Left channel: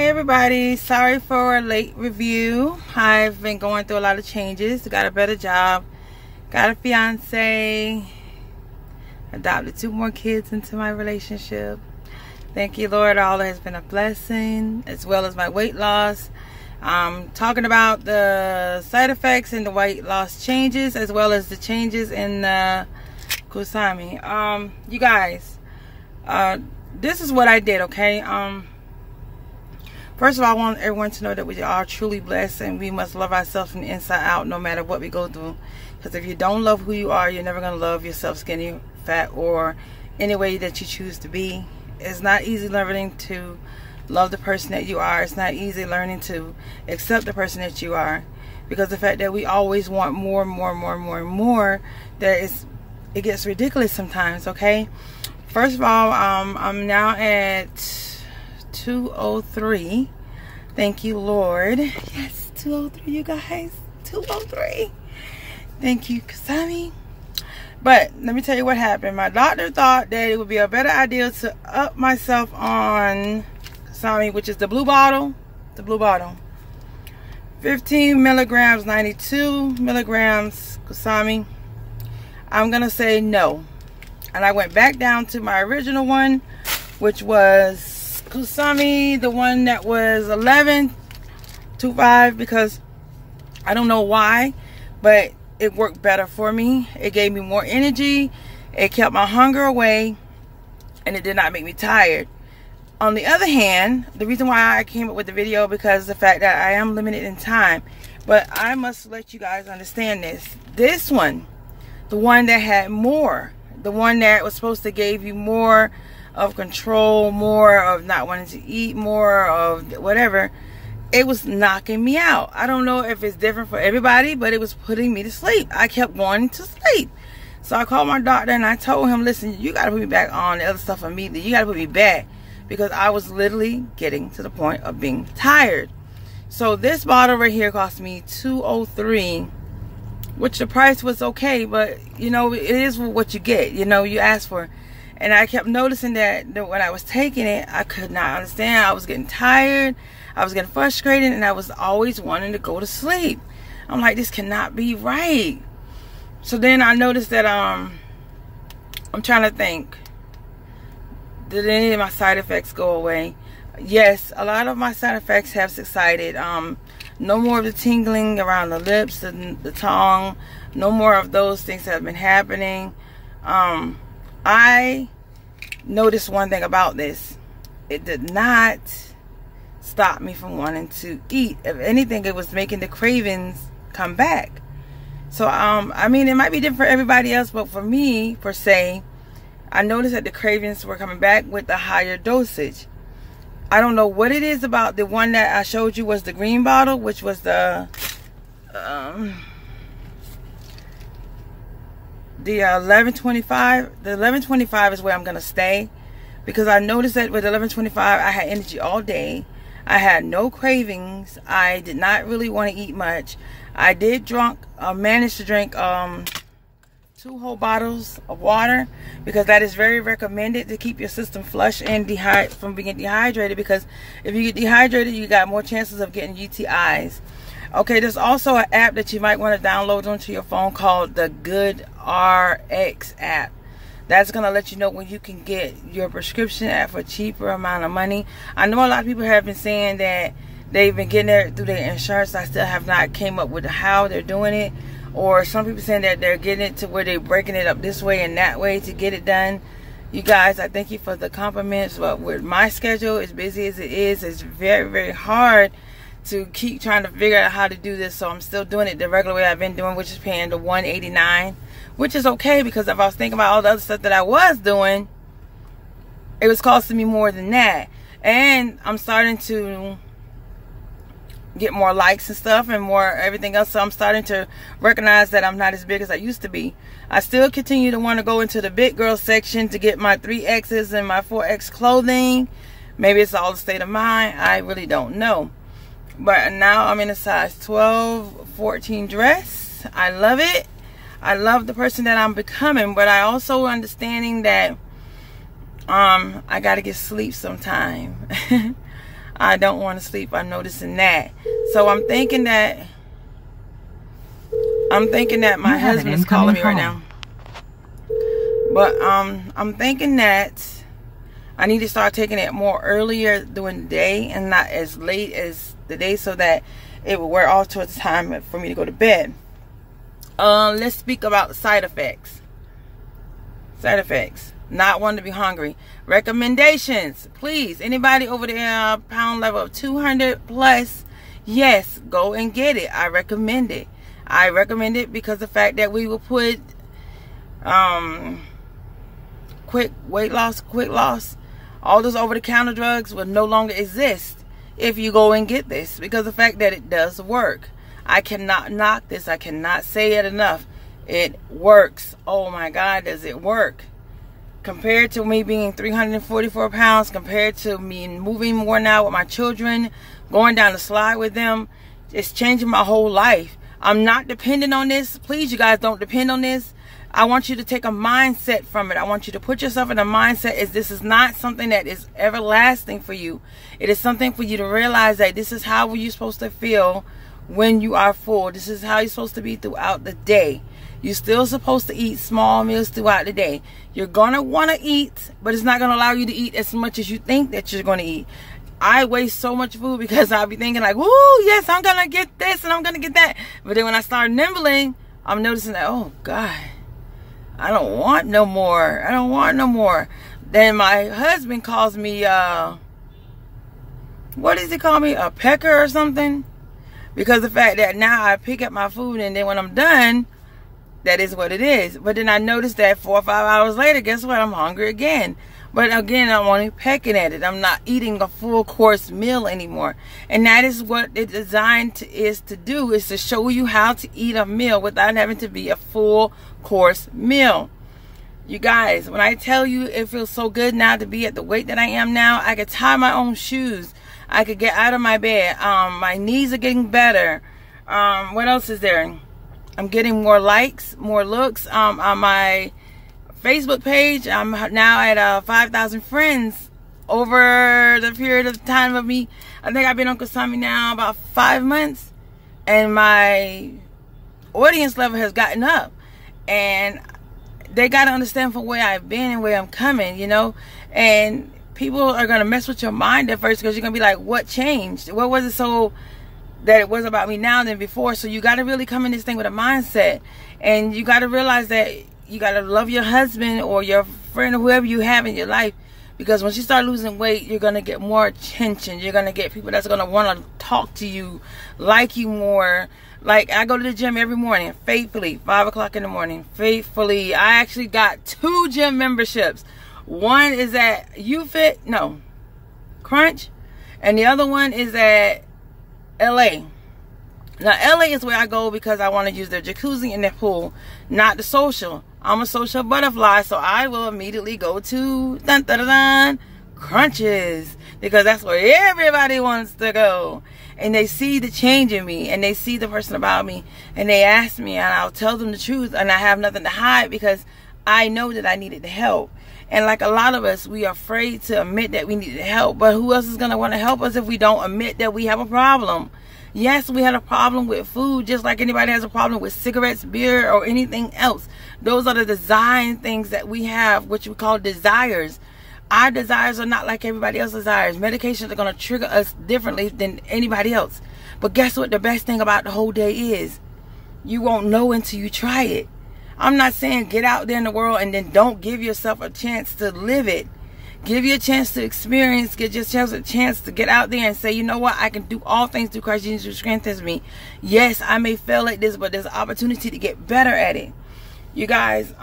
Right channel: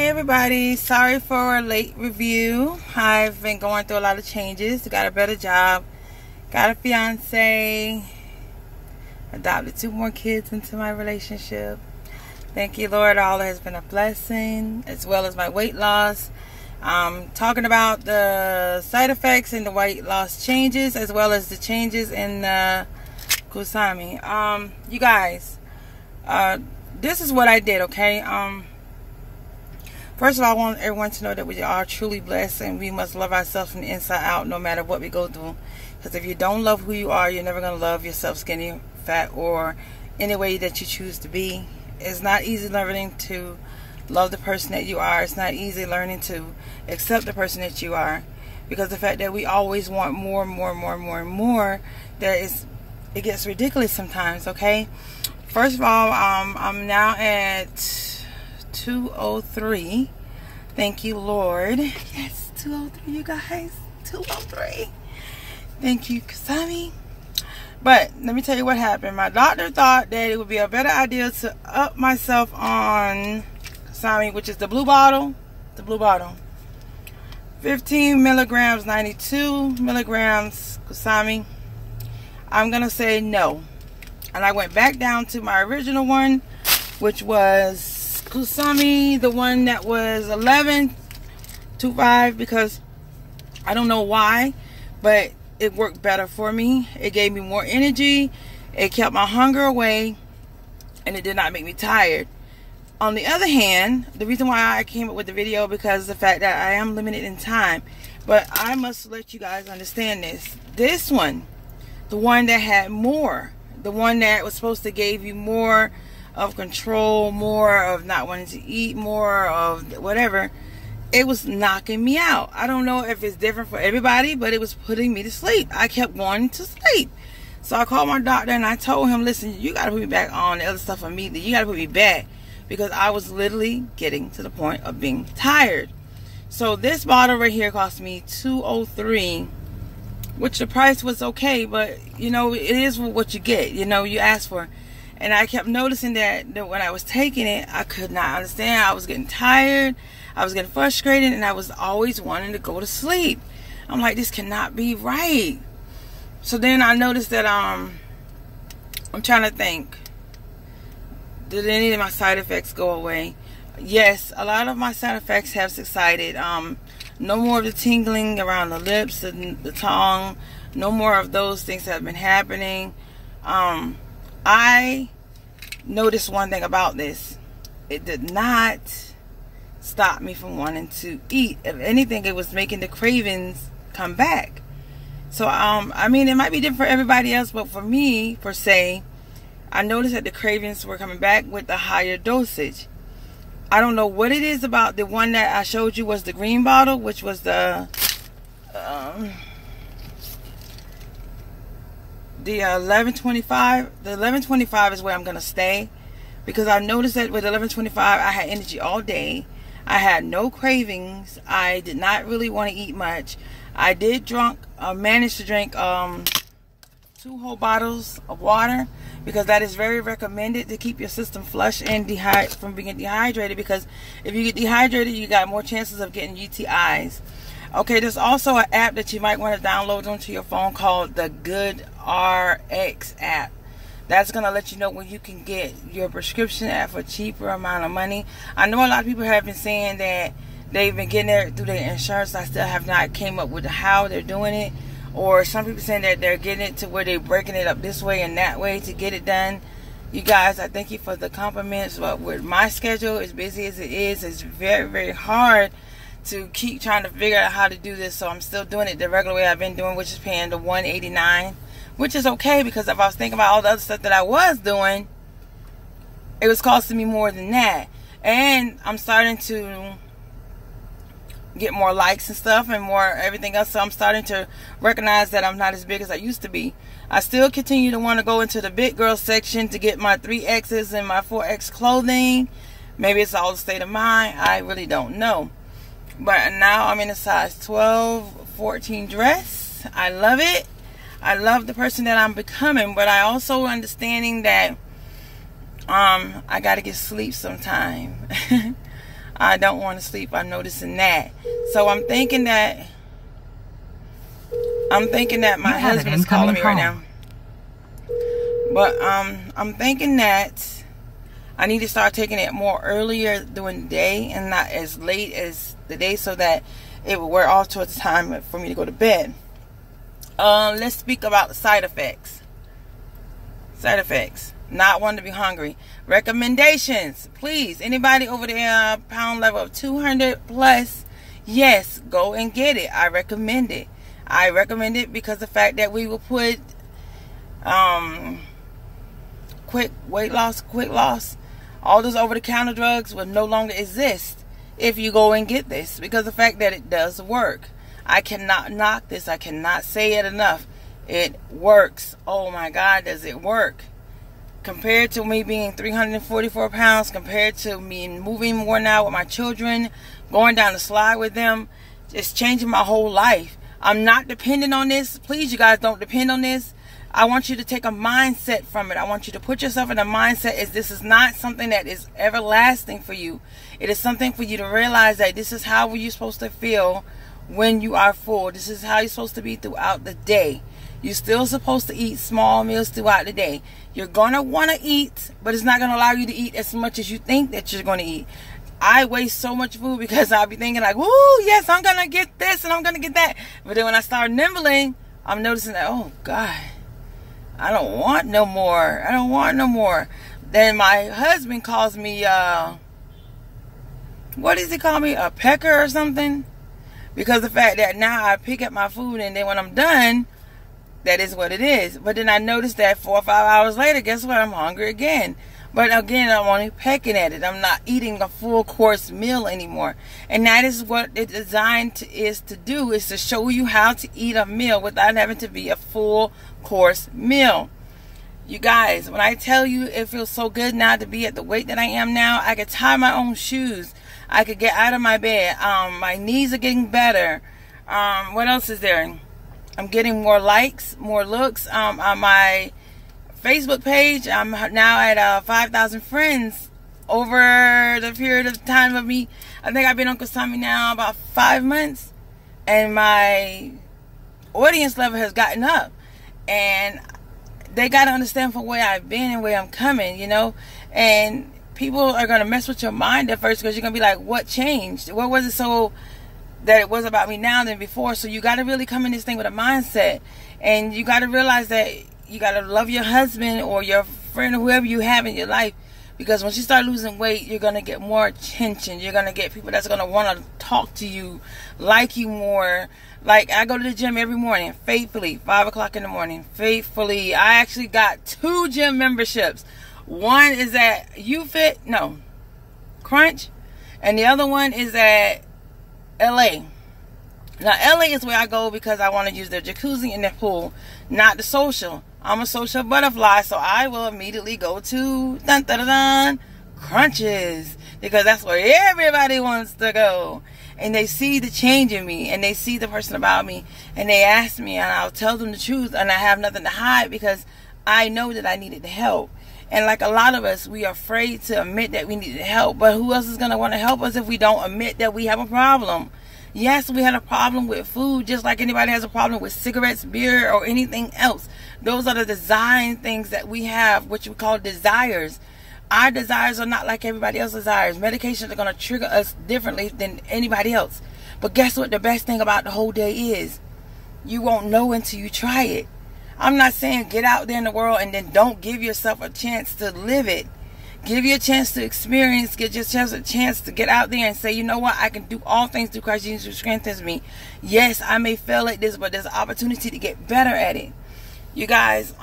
Hi everybody, sorry for a late review. I've been going through a lot of changes. Got a better job, got a fiance, adopted 2 more kids into my relationship. Thank you, Lord. All has been a blessing, as well as my weight loss. Talking about the side effects and the weight loss changes, as well as the changes in the Kusami. You guys, this is what I did, okay? First of all, I want everyone to know that we are truly blessed, and we must love ourselves from the inside out, no matter what we go through. Because if you don't love who you are, you're never going to love yourself, skinny, fat, or any way that you choose to be. It's not easy learning to love the person that you are. It's not easy learning to accept the person that you are, because the fact that we always want more, that it gets ridiculous sometimes. Okay, first of all, I'm now at 203. Thank you, Lord. Yes, 203, you guys. 203. Thank you, Kusami. But let me tell you what happened. My doctor thought that it would be a better idea to up myself on Qsymia, which is the blue bottle. The blue bottle. 15 milligrams, 92 milligrams Kusami. I'm going to say no. And I went back down to my original one, which was Kusami, the one that was 11.25, because I don't know why, but it worked better for me. It gave me more energy. It kept my hunger away, and it did not make me tired. On the other hand, the reason why I came up with the video, because of the fact that I am limited in time, but I must let you guys understand this. This one, the one that had more, the one that was supposed to give you more of control, more of not wanting to eat, more of whatever, it was knocking me out. I don't know if it's different for everybody, but it was putting me to sleep. I kept wanting to sleep. So I called my doctor and I told him, listen, you got to put me back on the other stuff immediately. You got to put me back, because I was literally getting to the point of being tired. So this bottle right here cost me $203, which the price was okay, but you know, it is what you get. You know, you ask for. And I kept noticing that when I was taking it, I could not understand. I was getting tired. I was getting frustrated, and I was always wanting to go to sleep. I'm like, this cannot be right. So then I noticed that I'm trying to think, did any of my side effects go away? Yes, a lot of my side effects have subsided. No more of the tingling around the lips, the tongue. No more of those things that have been happening. I noticed one thing about this. It did not stop me from wanting to eat. If anything, it was making the cravings come back. So I mean, it might be different for everybody else, but for me, per se, I noticed that the cravings were coming back with the higher dosage. I don't know what it is about the one that I showed you was the green bottle, which was the 11.25. The 11.25 is where I'm gonna stay, because I noticed that with 11.25 I had energy all day. I had no cravings. I did not really want to eat much. I did manage to drink 2 whole bottles of water, because that is very recommended to keep your system flush and from being dehydrated, because if you get dehydrated, you got more chances of getting UTIs. Okay, there's also an app that you might want to download onto your phone called the Good RX app. That's going to let you know when you can get your prescription at for a cheaper amount of money. I know a lot of people have been saying that they've been getting it through their insurance. I still have not came up with how they're doing it. Or some people saying that they're getting it to where they're breaking it up this way and that way to get it done. You guys, I thank you for the compliments. But with my schedule, as busy as it is, it's very hard to keep trying to figure out how to do this. So I'm still doing it the regular way I've been doing, which is paying the $189, which is okay, because if I was thinking about all the other stuff that I was doing, it was costing me more than that. And I'm starting to get more likes and stuff and more everything else, so I'm starting to recognize that I'm not as big as I used to be. I still continue to want to go into the big girl section to get my 3X's and my 4X clothing. Maybe it's all the state of mind, I really don't know. But now I'm in a size 12, 14 dress. I love it. I love the person that I'm becoming, but I also understanding that I gotta get sleep sometime. I don't want to sleep. I'm noticing that. So I'm thinking that my husband is calling me right now. But I'm thinking that I need to start taking it more earlier during the day and not as late as the day, so that it will wear off towards the time for me to go to bed. Let's speak about the side effects. Side effects. Not wanting to be hungry. Recommendations. Please, anybody over the pound level of 200 plus, yes, go and get it. I recommend it. I recommend it because the fact that we will put quick weight loss, quick loss, all those over-the-counter drugs will no longer exist if you go and get this, because the fact that it does work. I cannot knock this. I cannot say it enough. It works. Oh my God, does it work? Compared to me being 344 pounds, compared to me moving more now with my children, going down the slide with them, it's changing my whole life. I'm not dependent on this. Please, you guys, don't depend on this. I want you to take a mindset from it. I want you to put yourself in a mindset as this is not something that is everlasting for you. It is something for you to realize that this is how you're supposed to feel when you are full. This is how you're supposed to be throughout the day. You're still supposed to eat small meals throughout the day. You're going to want to eat, but it's not going to allow you to eat as much as you think that you're going to eat. I waste so much food because I'll be thinking like, woo, yes, I'm going to get this and I'm going to get that. But then when I start nibbling, I'm noticing that, oh, God, I don't want no more. I don't want no more. Then my husband calls me, what does he call me? A pecker or something? Because the fact that now I pick up my food and then when I'm done, that is what it is. But then I noticed that 4 or 5 hours later, guess what? I'm hungry again. But again, I'm only pecking at it. I'm not eating a full course meal anymore. And that is what it's designed is to do, is to show you how to eat a meal without having to be a full course meal. You guys, when I tell you it feels so good now to be at the weight that I am now, I could tie my own shoes. I could get out of my bed. My knees are getting better. What else is there? I'm getting more likes, more looks on my Facebook page. I'm now at 5,000 friends over the period of time of me. I think I've been on Kusami now about 5 months, and my audience level has gotten up. And they got to understand from where I've been and where I'm coming, you know. And people are going to mess with your mind at first because you're going to be like, what changed? What was it so that it was about me now than before? So you got to really come in this thing with a mindset. And you got to realize that you got to love your husband or your friend or whoever you have in your life. Because once you start losing weight, you're going to get more attention. You're going to get people that's going to want to talk to you, like you more. Like, I go to the gym every morning, faithfully, 5 o'clock in the morning, faithfully. I actually got 2 gym memberships. One is at Crunch, and the other one is at LA. Now, LA is where I go because I want to use their jacuzzi and their pool, not the social. I'm a social butterfly, so I will immediately go to Crunches, because that's where everybody wants to go. And they see the change in me, and they see the person about me, and they ask me, and I'll tell them the truth, and I have nothing to hide because I know that I needed help. And like a lot of us, we are afraid to admit that we needed help. But who else is going to want to help us if we don't admit that we have a problem? Yes, we had a problem with food, just like anybody has a problem with cigarettes, beer, or anything else. Those are the design things that we have, which we call desires. Our desires are not like everybody else's desires. Medications are going to trigger us differently than anybody else. But guess what the best thing about the whole day is? You won't know until you try it. I'm not saying get out there in the world and then don't give yourself a chance to live it. Give you a chance to experience, get yourself a chance to get out there and say, you know what, I can do all things through Christ Jesus who strengthens me. Yes, I may fail at this, but there's an opportunity to get better at it. You guys,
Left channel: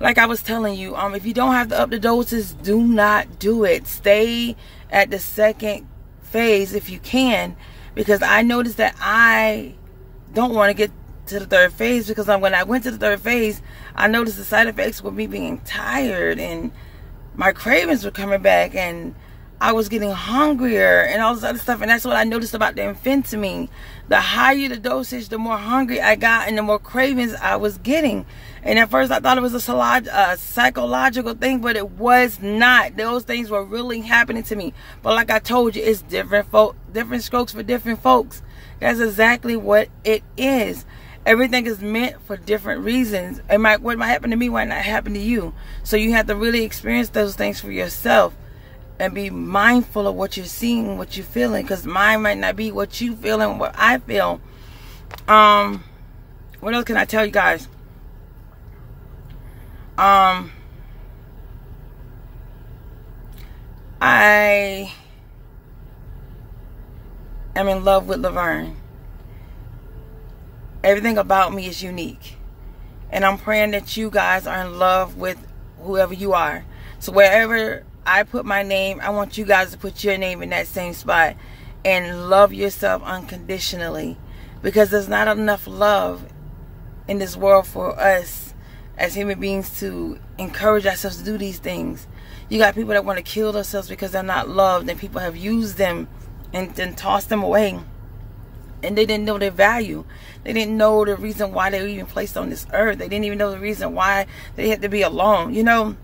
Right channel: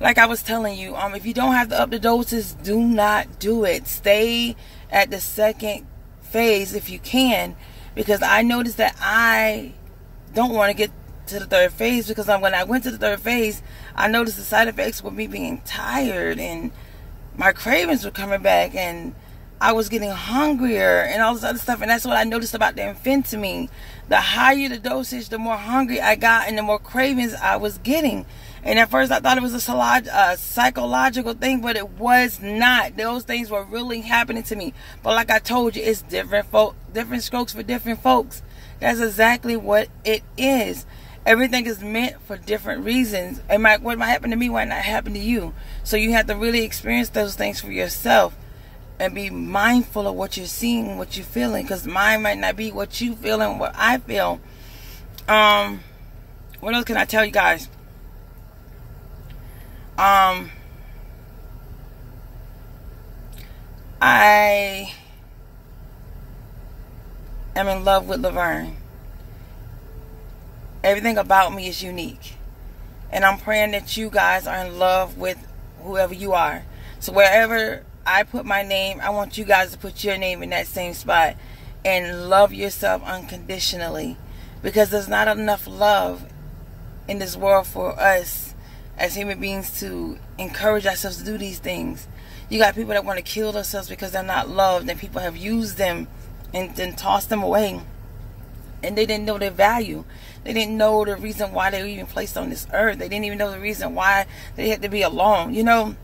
like I was telling you, if you don't have to up the doses, do not do it. Stay at the second phase if you can, because I noticed that I don't want to get to the third phase, because when I went to the third phase, I noticed the side effects were me being tired and my cravings were coming back, and I was getting hungrier and all this other stuff. And that's what I noticed about the amphetamine. The higher the dosage, the more hungry I got and the more cravings I was getting. And at first I thought it was a psychological thing, but it was not. Those things were really happening to me. But like I told you, it's different strokes for different folks. That's exactly what it is. Everything is meant for different reasons. What might happen to me might not happen to you. So you have to really experience those things for yourself and be mindful of what you're seeing, what you're feeling, because mine might not be what you feel and what I feel. What else can I tell you guys? I am in love with Laverne. Everything about me is unique. And I'm praying that you guys are in love with whoever you are. So wherever I put my name, I want you guys to put your name in that same spot and love yourself unconditionally. Because there's not enough love in this world for us as human beings to encourage ourselves to do these things. You got people that want to kill themselves because they're not loved, and people have used them and then tossed them away. And they didn't know their value. They didn't know the reason why they were even placed on this earth. They didn't even know the reason why they had to be alone. You know,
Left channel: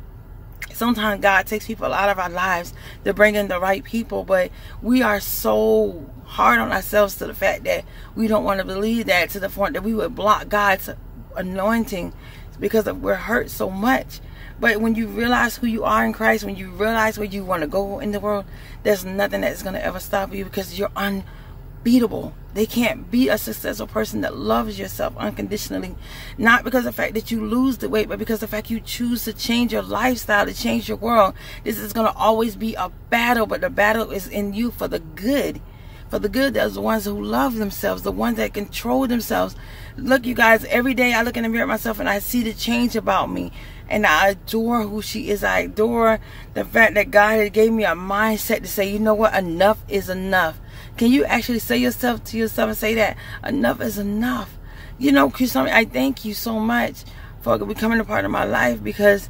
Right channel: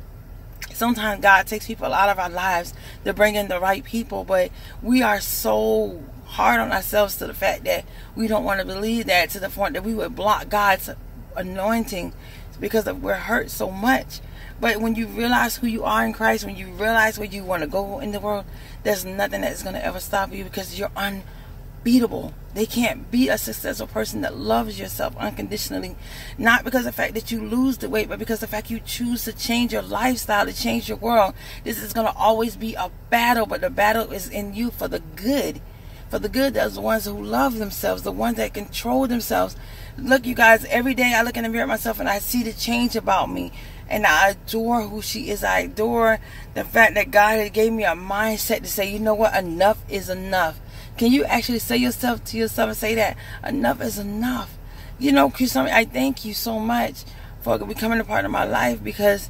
sometimes God takes people out of our lives to bring in the right people, but we are so hard on ourselves to the fact that we don't want to believe that, to the point that we would block God's anointing because we're hurt so much. But when you realize who you are in Christ, when you realize where you want to go in the world, there's nothing that's going to ever stop you, because you're unbeatable. They can't beat a successful person that loves yourself unconditionally. Not because of the fact that you lose the weight, but because of the fact you choose to change your lifestyle, to change your world. This is going to always be a battle, but the battle is in you for the good. For the good, there's the ones who love themselves, the ones that control themselves. Look, you guys, every day I look in the mirror at myself and I see the change about me. And I adore who she is. I adore the fact that God gave me a mindset to say, you know what, enough is enough. Can you actually say yourself to yourself and say that? Enough is enough. You know, Kusami, I thank you so much for becoming a part of my life, because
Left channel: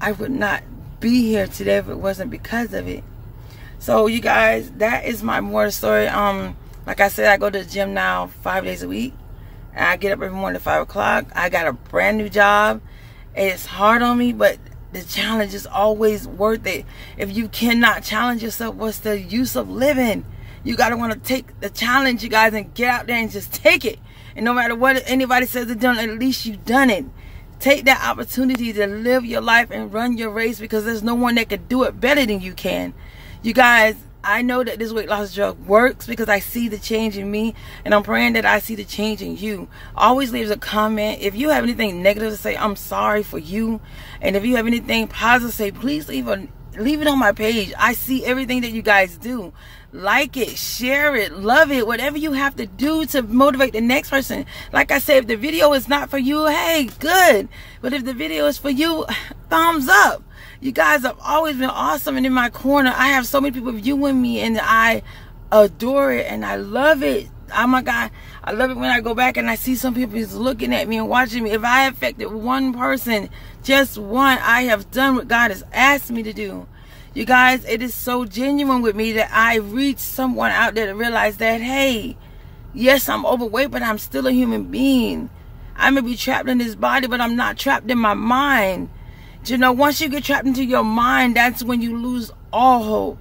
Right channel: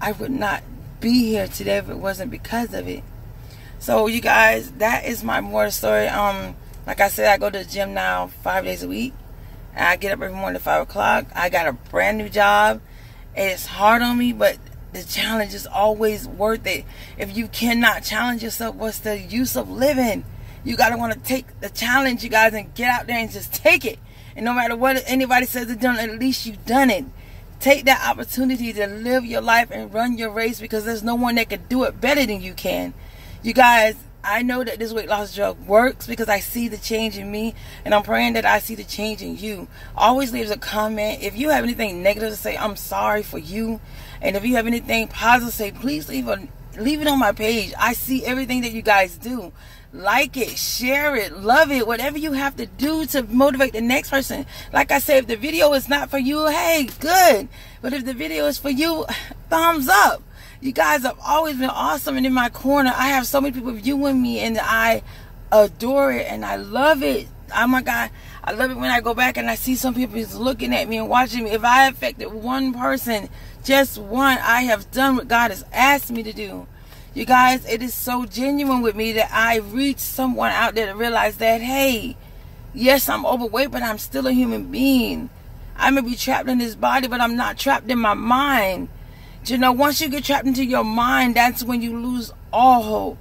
I would not be here today if it wasn't because of it. So you guys, that is my more story. Like I said, I go to the gym now 5 days a week. And I get up every morning at 5 o'clock. I got a brand new job. It's hard on me, but the challenge is always worth it. If you cannot challenge yourself, what's the use of living? You got to want to take the challenge, you guys, and get out there and just take it. And no matter what anybody says to do, at least you've done it. Take that opportunity to live your life and run your race, because there's no one that can do it better than you can. You guys, I know that this weight loss drug works because I see the change in me, and I'm praying that I see the change in you. Always leave a comment. If you have anything negative to say, I'm sorry for you. And if you have anything positive to say, please leave it on my page. I see everything that you guys do. Like it, share it, love it, whatever you have to do to motivate the next person. Like I said, if the video is not for you, hey, good. But if the video is for you, thumbs up. You guys have always been awesome and in my corner. I have so many people viewing me, and I adore it and I love it. Oh my God, I love it when I go back and I see some people just looking at me and watching me. If I affected one person, just one, I have done what God has asked me to do. You guys, it is so genuine with me that I reach someone out there to realize that, hey, yes, I'm overweight, but I'm still a human being. I may be trapped in this body, but I'm not trapped in my mind. You know, once you get trapped into your mind, that's when you lose all hope.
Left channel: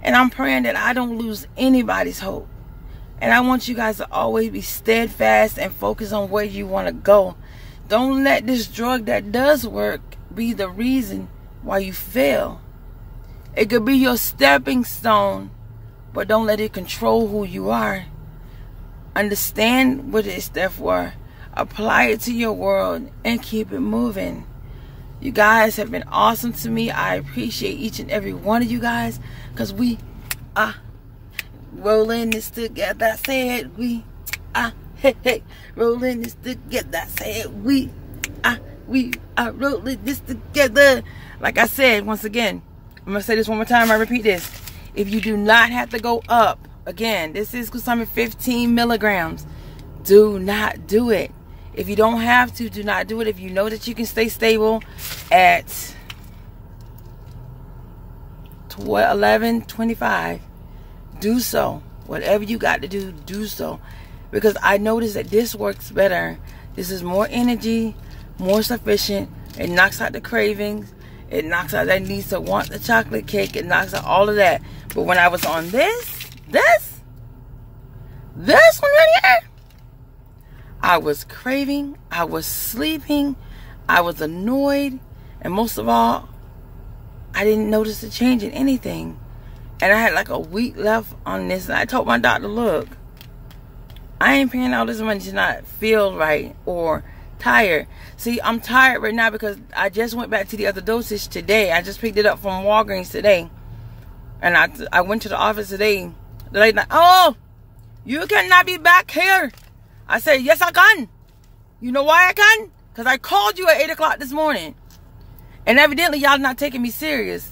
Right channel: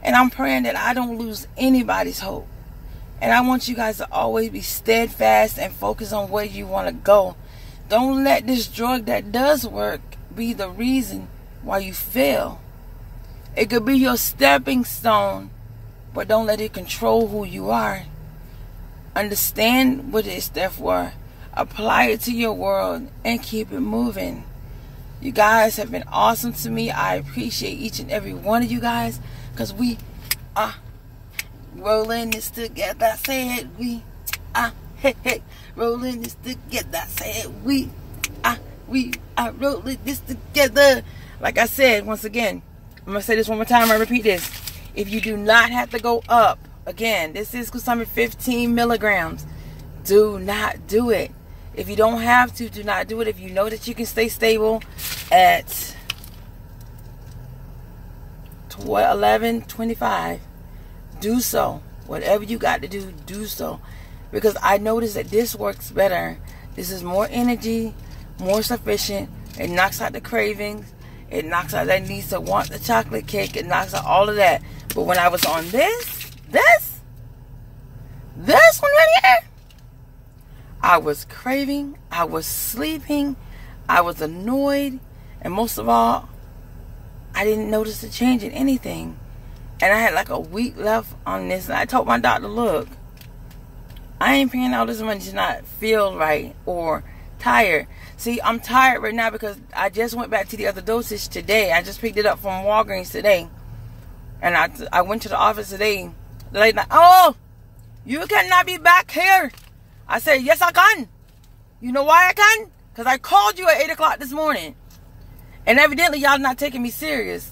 And I'm praying that I don't lose anybody's hope. And I want you guys to always be steadfast and focus on where you want to go. Don't let this drug that does work be the reason why you fail. It could be your stepping stone, but don't let it control who you are. Understand what it's there for. Apply it to your world and keep it moving. You guys have been awesome to me. I appreciate each and every one of you guys, because we are rolling this together. Say it, we are rolling this together. Say it, we are rolling this together. Like I said, once again, I'm going to say this one more time. I repeat this. If you do not have to go up, again, this is Kusami 15 milligrams. Do not do it. If you don't have to, do not do it. If you know that you can stay stable at 11:25. Do so. Whatever you got to do, do so. Because I noticed that this works better. This is more energy, more sufficient. It knocks out the cravings. It knocks out that need to want the chocolate cake. It knocks out all of that. But when I was on this one right here, I was craving. I was sleeping. I was annoyed. And most of all, I didn't notice a change in anything. And I had like a week left on this. And I told my doctor, look, I ain't paying all this money to not feel right or tired. See, I'm tired right now because I just went back to the other dosage today. I just picked it up from Walgreens today. And I went to the office today. The lady's like, oh, you cannot be back here. I said, yes, I can. You know why I can? Because I called you at 8 o'clock this morning. And evidently, y'all not taking me serious.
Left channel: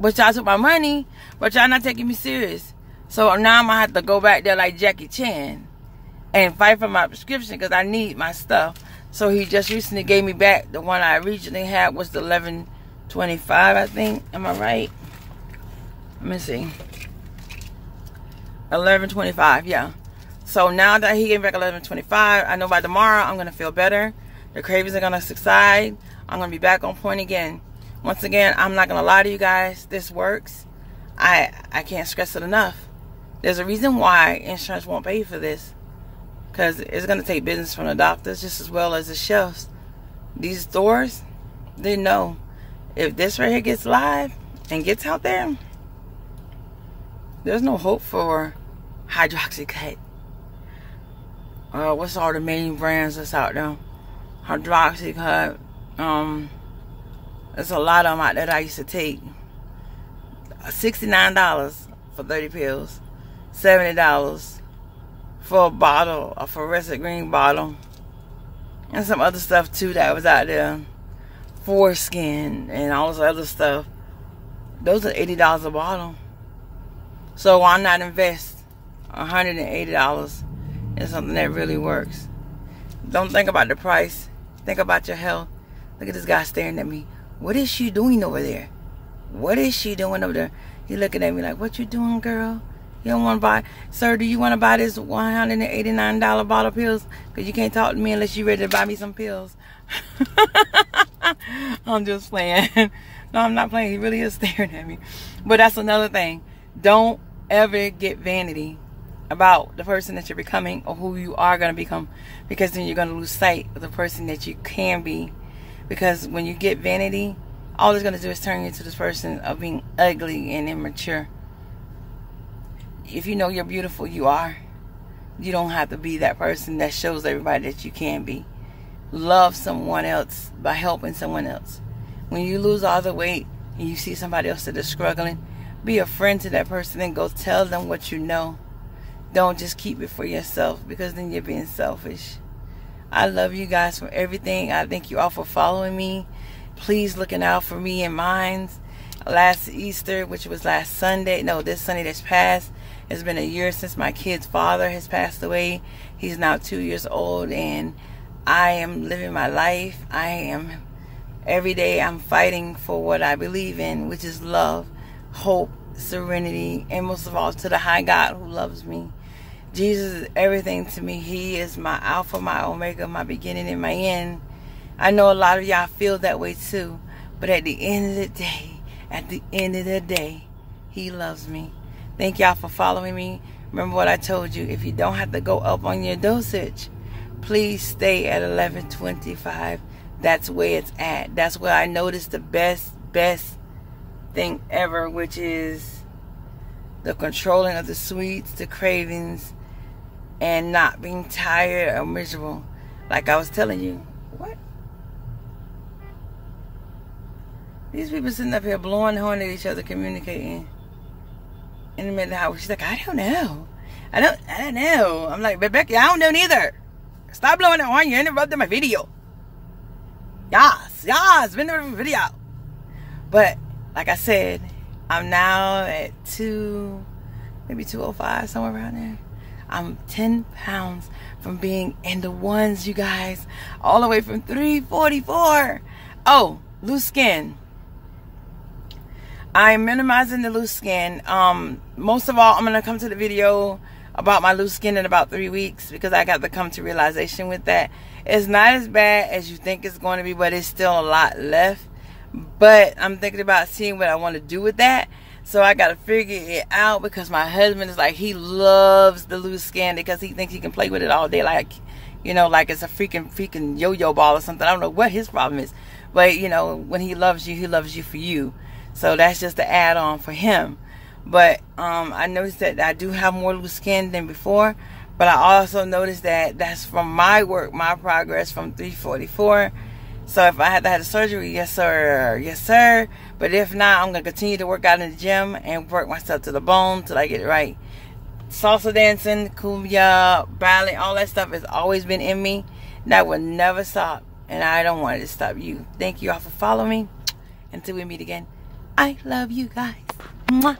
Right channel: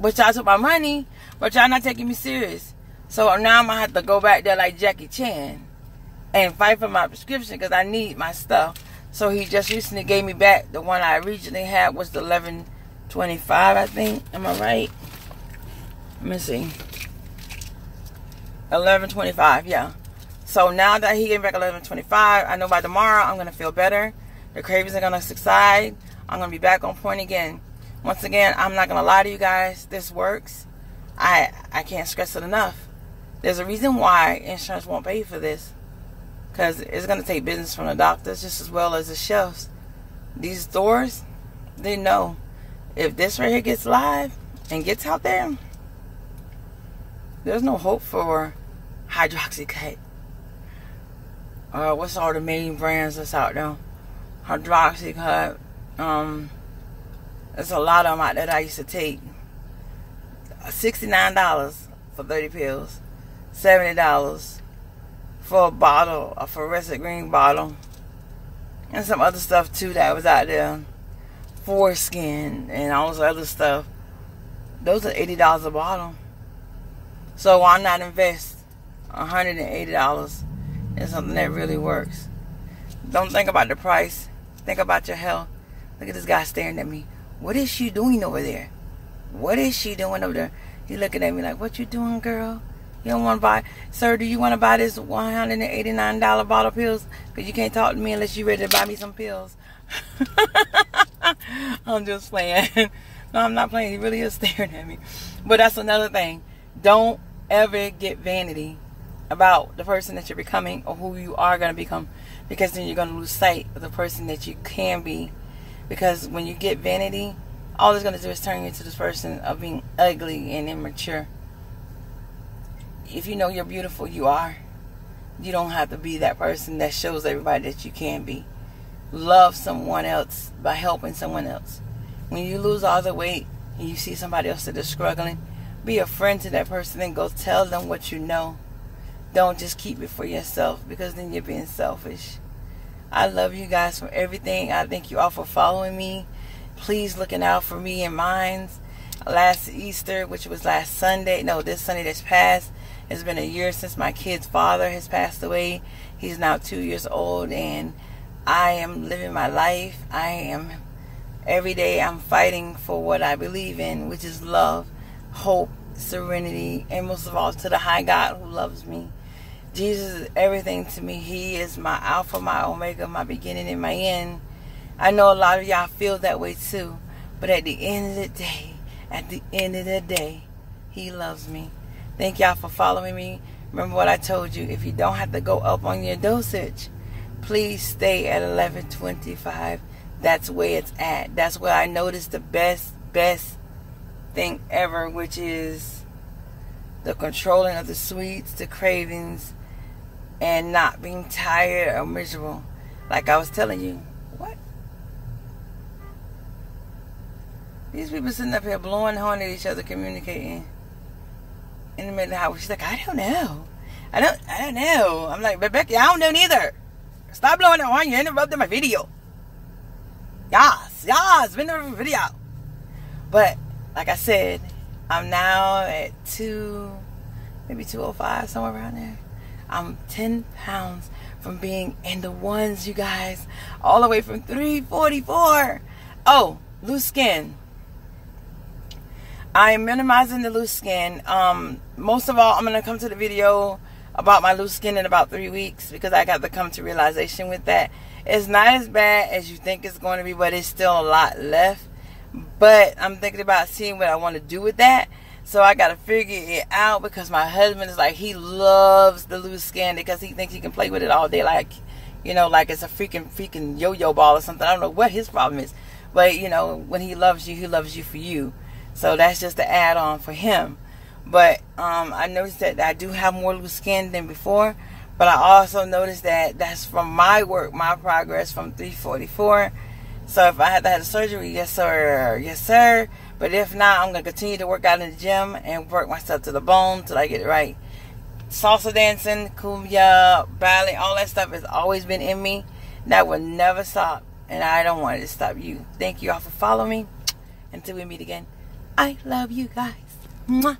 But y'all took my money, but y'all not taking me serious. So now I'm going to have to go back there like Jackie Chan and fight for my prescription because I need my stuff. So he just recently gave me back the one I originally had was the 11:25, I think. Am I right? Let me see. 11:25, yeah. So now that he gave me back 11:25, I know by tomorrow I'm going to feel better. The cravings are going to subside. I'm going to be back on point again. Once again, I'm not going to lie to you guys. This works. I can't stress it enough. There's a reason why insurance won't pay for this. Because it's going to take business from the doctors just as well as the shelves. These stores, they know if this right here gets live and gets out there, there's no hope for hydroxycut. What's all the main brands that's out there? Hydroxycut. There's a lot of them out there that I used to take. $69 for 30 pills. $70 for a bottle, a fluorescent green bottle. And some other stuff too that was out there. Foreskin and all this other stuff. Those are $80 a bottle. So why not invest $180 in something that really works? Don't think about the price. Think about your health. Look at this guy staring at me. What is she doing over there? What is she doing over there? He looking at me like, what you doing, girl? You don't want to buy... Sir, do you want to buy this $189 bottle of pills? Because you can't talk to me unless you're ready to buy me some pills. I'm just playing. No, I'm not playing. He really is staring at me. But that's another thing. Don't ever get vanity about the person that you're becoming or who you are going to become. Because then you're going to lose sight of the person that you can be. Because when you get vanity, all it's going to do is turn you into this person of being ugly and immature. If you know you're beautiful, you are. You don't have to be that person that shows everybody that you can be. Love someone else by helping someone else. When you lose all the weight and you see somebody else that is struggling, be a friend to that person and go tell them what you know. Don't just keep it for yourself, because then you're being selfish. I love you guys for everything. I thank you all for following me. Please looking out for me and mine. Last Easter, which was last Sunday, no, this Sunday that's passed, it's been a year since my kid's father has passed away. He's now 2 years old, and I am living my life. Every day I'm fighting for what I believe in, which is love, hope, serenity, and most of all to the high God who loves me. Jesus is everything to me. He is my Alpha, my Omega, my beginning and my end. I know a lot of y'all feel that way too, but at the end of the day, He loves me. Thank y'all for following me. Remember what I told you. If you don't have to go up on your dosage, please stay at 11:25. That's where it's at. That's where I noticed the best thing ever, which is the controlling of the sweets, the cravings, and not being tired or miserable. Like I was telling you. What? These people sitting up here blowing the horn at each other, communicating in the middle of the house. She's like, I don't know. I don't know. I'm like, but Becky, I don't know neither. Stop blowing the horn. You're interrupting my video. Yes, been there for the video. But like I said, I'm now at maybe 205, somewhere around there. I'm 10 pounds from being in the ones, you guys, all the way from 344. Oh, loose skin. I'm minimizing the loose skin. Most of all, I'm going to come to the video about my loose skin in about 3 weeks, because I got to come to realization with that. It's not as bad as you think it's going to be, but it's still a lot left. But I'm thinking about seeing what I want to do with that. So I got to figure it out, because my husband is like, he loves the loose skin because he thinks he can play with it all day, like, you know, like it's a freaking yo-yo ball or something. I don't know what his problem is. But, you know, when he loves you for you. So that's just the add-on for him. But I noticed that I do have more loose skin than before. But I also noticed that that's from my work, my progress from 344. So if I had to have the surgery, yes sir, yes sir. But if not, I'm going to continue to work out in the gym and work myself to the bone till I get it right. Salsa dancing, cumbia, ballet, all that stuff has always been in me. That will never stop. And I don't want it to stop you. Thank you all for following me. Until we meet again, I love you guys. Mwah.